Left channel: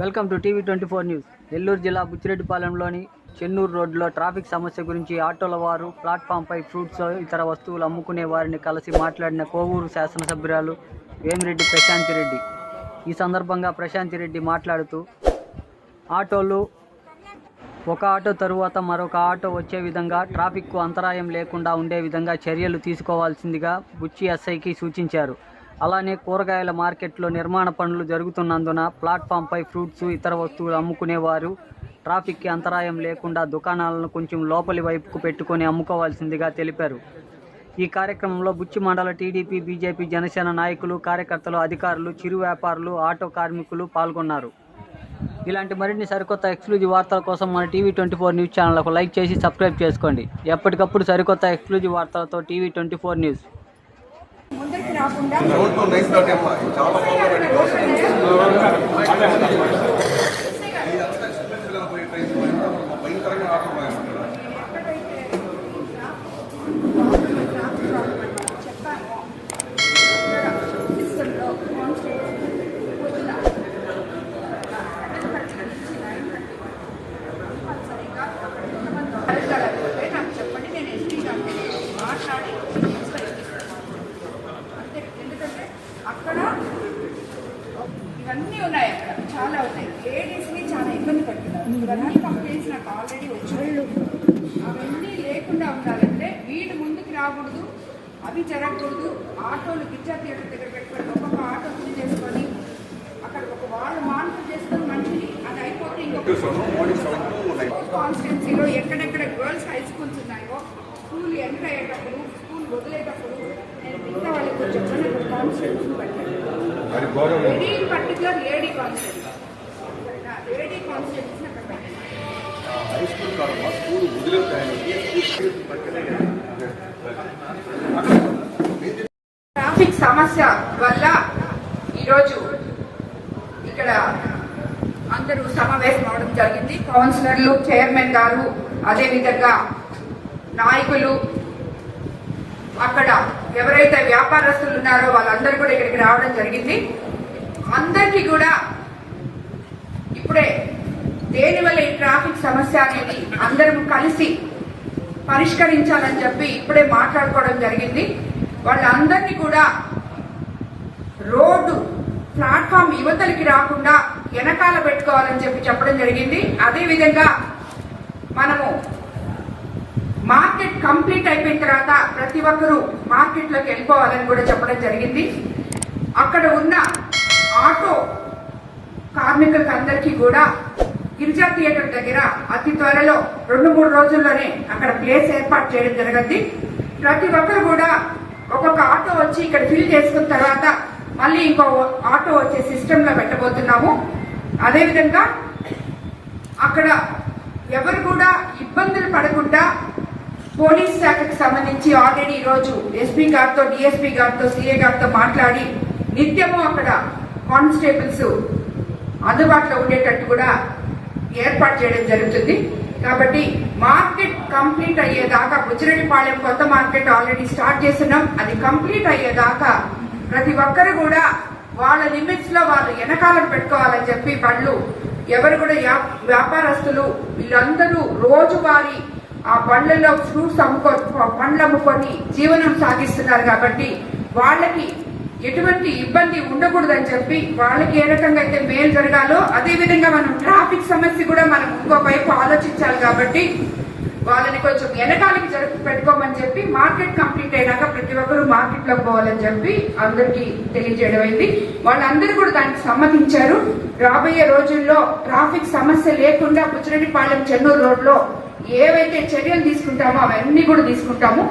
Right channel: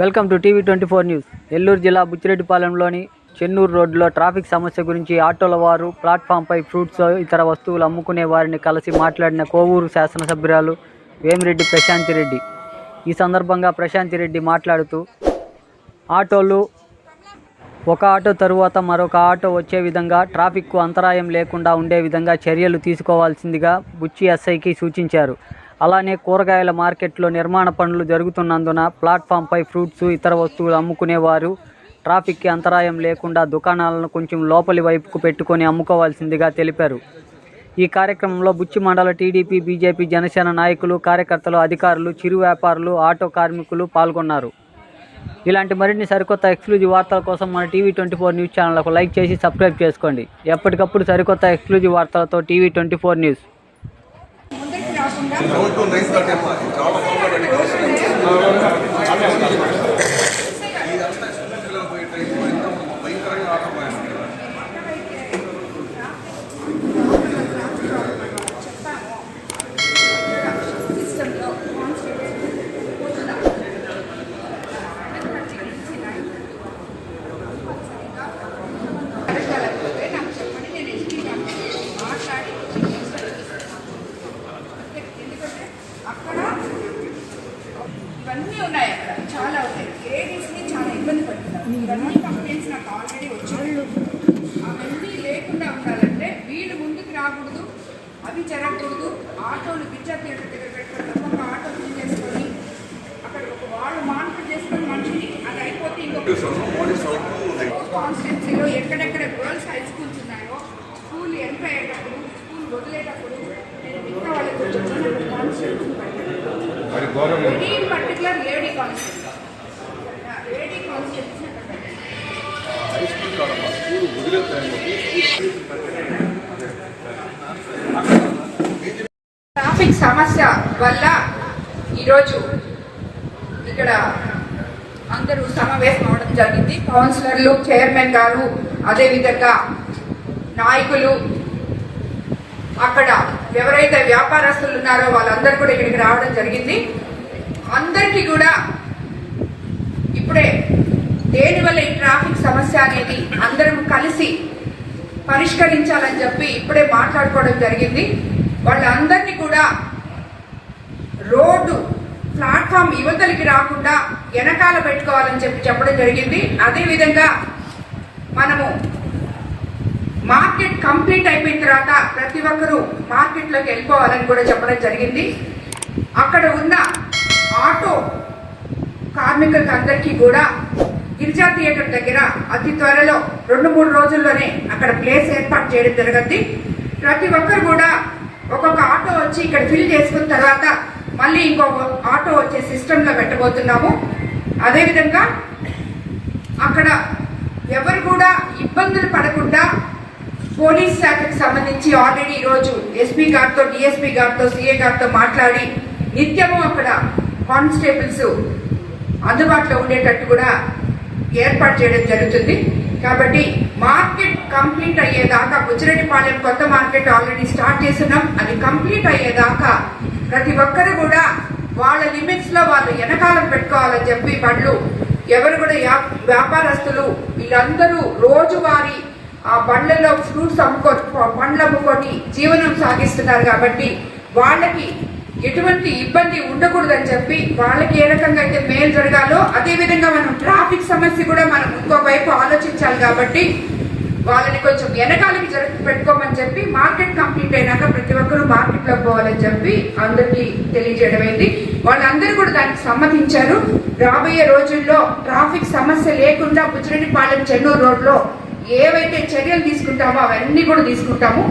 Welcome to TV twenty four news. Nellore జిల్లా బుచ్చిరెడ్డిపాలెంలోని చెన్నూరు రోడ్డులో ట్రాఫిక్ సమస్య గురించి ఆటోల వారు ప్లాట్ఫామ్పై ఫ్రూట్స్ ఇతర వస్తువులు అమ్ముకునే వారిని కలిసి మాట్లాడిన కోవూరు శాసనసభ్యురాలు వేమిరెడ్డి ప్రశాంతి రెడ్డి ఈ సందర్భంగా ప్రశాంతి రెడ్డి మాట్లాడుతూ ఆటోలు ఒక ఆటో తరువాత మరొక ఆటో వచ్చే విధంగా ట్రాఫిక్కు అంతరాయం లేకుండా ఉండే విధంగా చర్యలు తీసుకోవాల్సిందిగా బుచ్చి ఎస్ఐకి సూచించారు. అలానే కూరగాయల మార్కెట్లో నిర్మాణ పనులు జరుగుతున్నందున ప్లాట్ఫామ్పై ఫ్రూట్స్ ఇతర వస్తువులు అమ్ముకునేవారు. ట్రాఫిక్కి అంతరాయం లేకుండా దుకాణాలను కొంచెం లోపలి వైపుకు పెట్టుకొని అమ్ముకోవాల్సిందిగా తెలిపారు. ఈ కార్యక్రమంలో బుచ్చి మండల టీడీపీ బీజేపీ జనసేన నాయకులు కార్యకర్తలు అధికారులు చిరు వ్యాపారులు ఆటో కార్మికులు పాల్గొన్నారు. ఇలాంటి మరిన్ని సరికొత్త ఎక్స్క్లూజివ్ వార్తల కోసం మన టీవీ ట్వంటీ ఫోర్ న్యూస్ ఛానల్కు లైక్ చేసి సబ్స్క్రైబ్ చేసుకోండి. ఎప్పటికప్పుడు సరికొత్త ఎక్స్క్లూజివ్ వార్తలతో టీవీ ట్వంటీ ఫోర్ న్యూస్. ముందరికి రాకుండా రోడ్డు నైస్ డాట్ అమ్మా చాలా బాగుందండి ఇదంతా స్కూల్ పిల్లలు పోయే టైం ఎంత భయంకరంగా ఆటపోయాను చెప్పాము సిస్టంలో నాకు చెప్పండి నేను ఎస్టీ మాట్లాడి అంతే ఎందుకంటే అక్కడ ఇవన్నీ ఉన్నాయి అక్కడ చాలా ఉన్నాయి లేడీస్ని చాలా ఇబ్బంది పడుతున్నారు ఇవన్నీ కంప్లైంట్స్ నాకు ఆల్రెడీ వచ్చాయి అవన్నీ లేకుండా ఉండాలంటే వీళ్ళు ముందుకు రాకూడదు అవి జరగకూడదు. ఆటోలు పిచ్చా థియేటర్ దగ్గర పెట్టుకొని ఒక్కొక్క ఆటో ఫిల్ చేసుకొని అక్కడ ఒక వాళ్ళు మానిటర్ చేసుకొని మనిషిని అది అయిపోతే ఇంకొక కాన్స్టిట్యున్సీలో ఎక్కడెక్కడ గర్ల్స్ హై స్కూల్స్ ఉన్నాయో స్కూల్ ఎంటర్ అయ్యేటప్పుడు స్కూల్ వదిలేటప్పుడు నేను మిగతా వాళ్ళకి కొంచెం అక్కడ very particular lady constitution traffic సమస్య వల్ల ఈరోజు ఇక్కడ అందరూ సమావేశం అవడం జరిగింది. కౌన్సిలర్లు చైర్మన్ గారు అదేవిధంగా నాయకులు అక్కడ ఎవరైతే వ్యాపారస్తులు ఉన్నారో వాళ్ళందరూ కూడా ఇక్కడికి రావడం జరిగింది. అందరికీ కూడా ఇప్పుడే దేనివల్ల ఈ ట్రాఫిక్ సమస్య అనేది అందరం కలిసి పరిష్కరించాలని చెప్పి ఇప్పుడే మాట్లాడుకోవడం జరిగింది. వాళ్ళందరినీ కూడా రోడ్డు ప్లాట్ఫామ్ యువతలకి రాకుండా వెనకాల పెట్టుకోవాలని చెప్పి చెప్పడం జరిగింది. అదేవిధంగా మనము మార్కెట్ కంప్లీట్ అయిపోయిన తర్వాత ప్రతి ఒక్కరూ మార్కెట్లోకి వెళ్ళిపోవాలని కూడా చెప్పడం జరిగింది. అక్కడ ఉన్న ఆటో కార్మికులకు అందరికీ కూడా గిరిజా థియేటర్ దగ్గర అతి త్వరలో రెండు మూడు రోజుల్లోనే అక్కడ ప్లేస్ ఏర్పాటు చేయడం జరగద్ది. ప్రతి ఒక్కరు కూడా ఒక్కొక్క ఆటో వచ్చి ఇక్కడ ఫిల్ చేసుకున్న తర్వాత మళ్ళీ ఇంకో ఆటో వచ్చే సిస్టంలో పెట్టబోతున్నాము. అదేవిధంగా అక్కడ ఎవరు కూడా ఇబ్బందులు పడకుండా పోలీస్ శాఖకి సంబంధించి ఆల్రెడీ ఈరోజు ఎస్పీ గారితో డిఎస్పీ గారితో సిఏ గారితో మాట్లాడి నిత్యము అక్కడ కానిస్టేబుల్స్ అందుబాటులో ఉండేటట్టు కూడా ఏర్పాటు చేయడం జరుగుతుంది. కాబట్టి మార్కెట్ కంప్లీట్ అయ్యేదాకా బుచ్చిరెడ్డిపాలెం కొత్త మార్కెట్ ఆల్రెడీ స్టార్ట్ చేస్తున్నాం. అది కంప్లీట్ అయ్యేదాకా ప్రతి ఒక్కరు కూడా వాళ్ళ లిమిట్స్లో వాళ్ళు వెనకాలం పెట్టుకోవాలని చెప్పి పండ్లు. ఎవరు కూడా వ్యాపారస్తులు వీళ్ళందరూ రోజువారీ ఆ బండ్లలో ఫ్రూట్స్ అమ్ముకో పండ్లు అమ్ముకొని జీవనం సాగిస్తున్నారు కాబట్టి వాళ్ళకి ఎటువంటి ఇబ్బంది ఉండకూడదని చెప్పి వాళ్ళకి ఏ రకంగా అయితే మేలు జరగాలో అదేవిధంగా మనం ట్రాఫిక్ సమస్య కూడా మనం ఇంకోవైపు ఆలోచించాలి కాబట్టి వాళ్ళని కొంచెం వెనకాలకి జరిపి పెట్టుకోమని చెప్పి మార్కెట్ కంప్లీట్ అయినాక ప్రతి ఒక్కరూ మార్కెట్లోకి పోవాలని చెప్పి అందరికీ తెలియజేయడం అయింది వాళ్ళందరూ కూడా దానికి సమ్మతించారు. రాబోయే రోజుల్లో ట్రాఫిక్ సమస్య లేకుండా బుచ్చిరెడ్డిపాలెం చెన్నూరు రోడ్లో ఏవైతే చర్యలు తీసుకుంటామో అవన్నీ కూడా తీసుకుంటాము.